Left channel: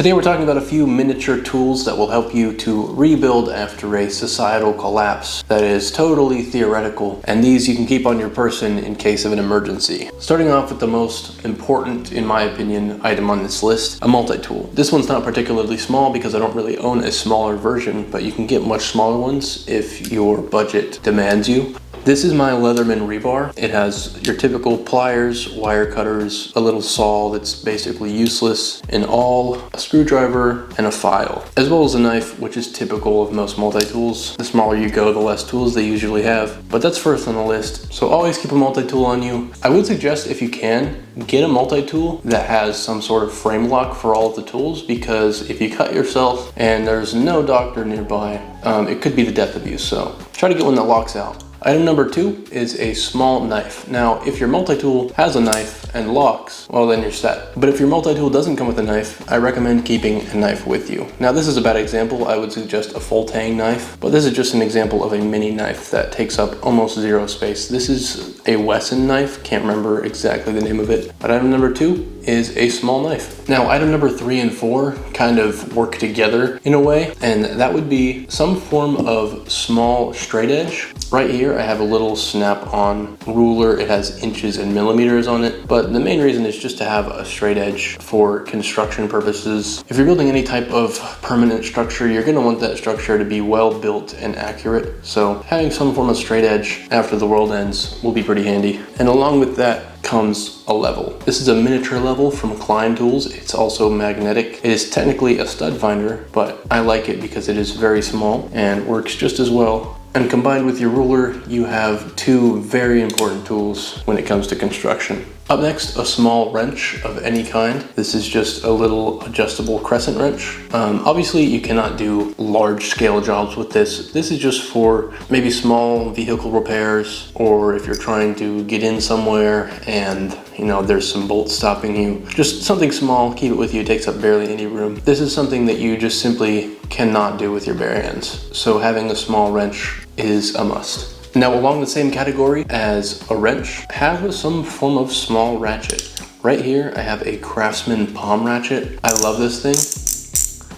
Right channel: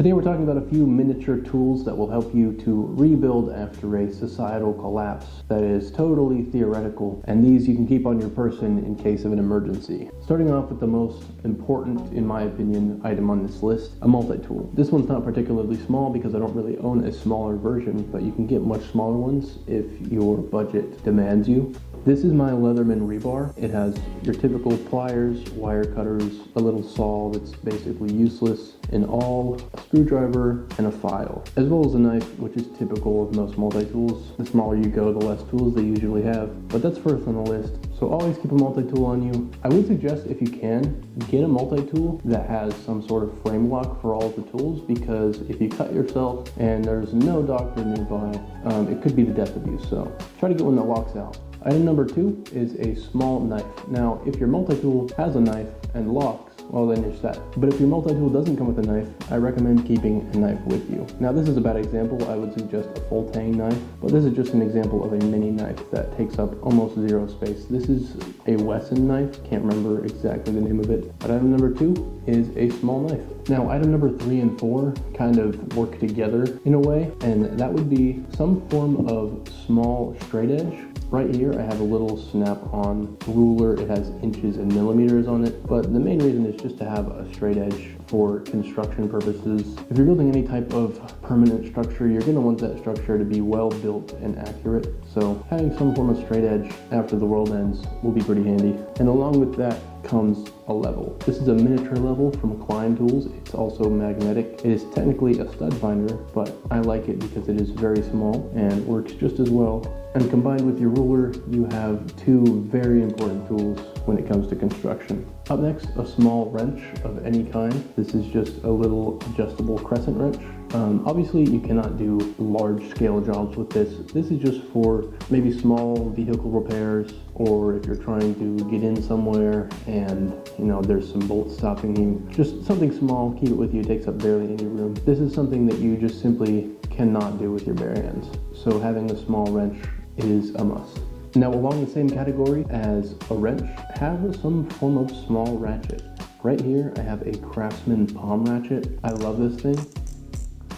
Today we're talking about a few miniature tools that will help you to rebuild after a societal collapse that is totally theoretical, and these you can keep on your person in case of an emergency. Starting off with the most important, in my opinion, item on this list, a multi-tool. This one's not particularly small because I don't really own a smaller version, but you can get much smaller ones if your budget demands you. This is my Leatherman rebar. It has your typical pliers, wire cutters, a little saw that's basically useless, an awl, a screwdriver, and a file, as well as a knife, which is typical of most multi-tools. The smaller you go, the less tools they usually have, but that's first on the list. So always keep a multi-tool on you. I would suggest, if you can, get a multi-tool that has some sort of frame lock for all of the tools, because if you cut yourself and there's no doctor nearby, it could be the death of you. So try to get one that locks out. Item number 2 is a small knife. Now, if your multi-tool has a knife and locks, well then you're set. But if your multi-tool doesn't come with a knife, I recommend keeping a knife with you. Now, this is a bad example. I would suggest a full tang knife, but this is just an example of a mini knife that takes up almost zero space. This is a Wesson knife. Can't remember exactly the name of it. But item number 2 is a small knife. Now, item number 3 and 4 kind of work together in a way, and that would be some form of small straight edge. Right here, I have a little snap-on ruler. It has inches and millimeters on it, but the main reason is just to have a straight edge for construction purposes. If you're building any type of permanent structure, you're gonna want that structure to be well built and accurate. So having some form of straight edge after the world ends will be pretty handy. And along with that comes a level. This is a miniature level from Klein Tools. It's also magnetic. It is technically a stud finder, but I like it because it is very small and works just as well. And combined with your ruler, you have two very important tools when it comes to construction. Up next, a small wrench of any kind. This is just a little adjustable crescent wrench. Obviously, you cannot do large scale jobs with this. This is just for maybe small vehicle repairs, or if you're trying to get in somewhere and there's some bolts stopping you. Just something small, keep it with you, it takes up barely any room. This is something that you just simply cannot do with your bare hands. So having a small wrench is a must. Now, along the same category as a wrench, have some form of small ratchet. Right here, I have a Craftsman palm ratchet. I love this thing.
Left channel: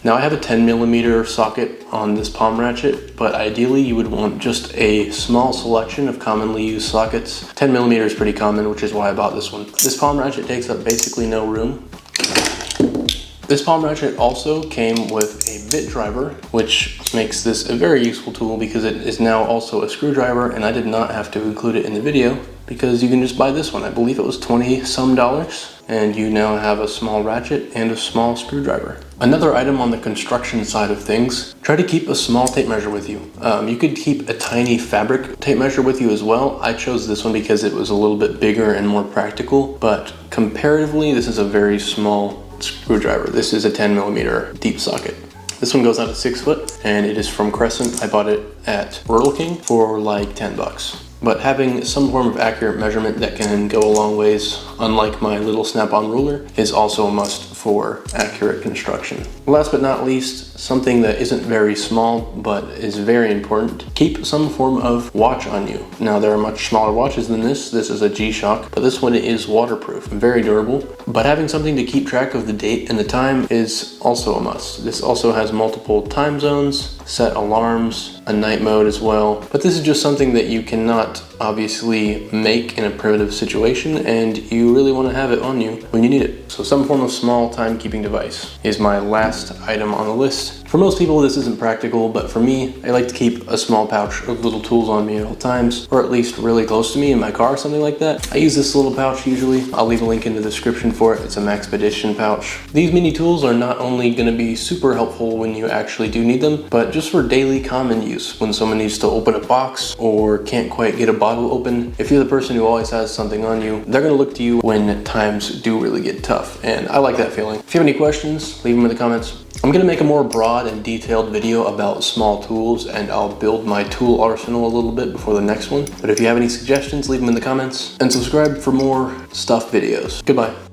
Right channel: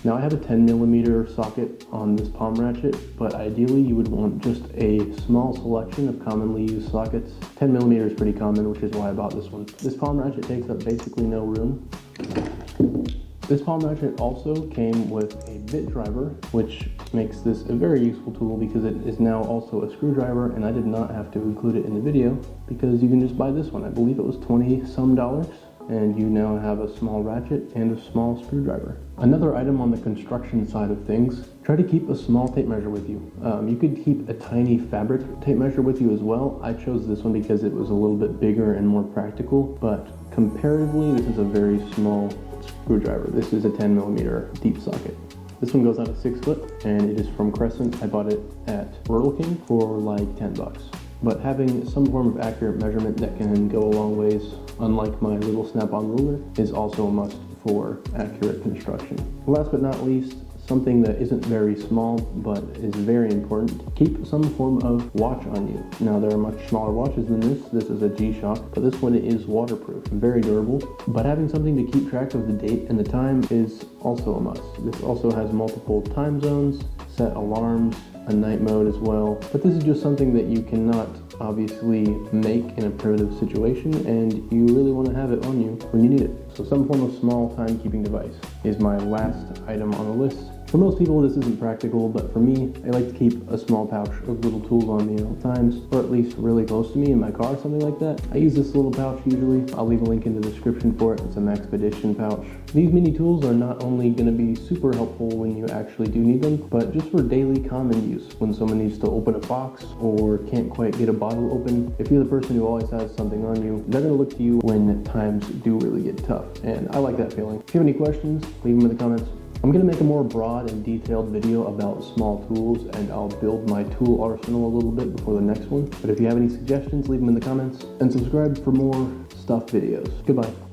Now, I have a 10mm socket on this palm ratchet, but ideally you would want just a small selection of commonly used sockets. 10mm is pretty common, which is why I bought this one. This palm ratchet takes up basically no room. This palm ratchet also came with a bit driver, which makes this a very useful tool because it is now also a screwdriver, and I did not have to include it in the video because you can just buy this one. I believe it was $20 some, and you now have a small ratchet and a small screwdriver. Another item on the construction side of things, try to keep a small tape measure with you. You could keep a tiny fabric tape measure with you as well. I chose this one because it was a little bit bigger and more practical, but comparatively, this is a very small screwdriver. This is a 10mm deep socket. This one goes out at 6 foot, and it is from Crescent. I bought it at Rural King for like 10 bucks. But having some form of accurate measurement that can go a long ways, unlike my little snap-on ruler, is also a must for accurate construction. Last but not least, something that isn't very small but is very important, keep some form of watch on you. Now, there are much smaller watches than this. This is a G-Shock, but this one is waterproof, very durable. But having something to keep track of the date and the time is also a must. This also has multiple time zones, set alarms, a night mode as well. But this is just something that you cannot obviously make in a primitive situation, and you really want to have it on you when you need it. So some form of small timekeeping device is my last item on the list. For most people, this isn't practical, but for me, I like to keep a small pouch of little tools on me at all times, or at least really close to me in my car, something like that. I use this little pouch usually. I'll leave a link in the description for it. It's a Maxpedition Pouch. These mini tools are not only going to be super helpful when you actually do need them, but just for daily common use. When someone needs to open a box or can't quite get a bottle open, if you're the person who always has something on you, they're going to look to you when times do really get tough. And I like that feeling. If you have any questions, leave them in the comments. I'm going to make a more broad and detailed video about small tools, and I'll build my tool arsenal a little bit before the next one. But if you have any suggestions, leave them in the comments, and subscribe for more stuff videos. Goodbye.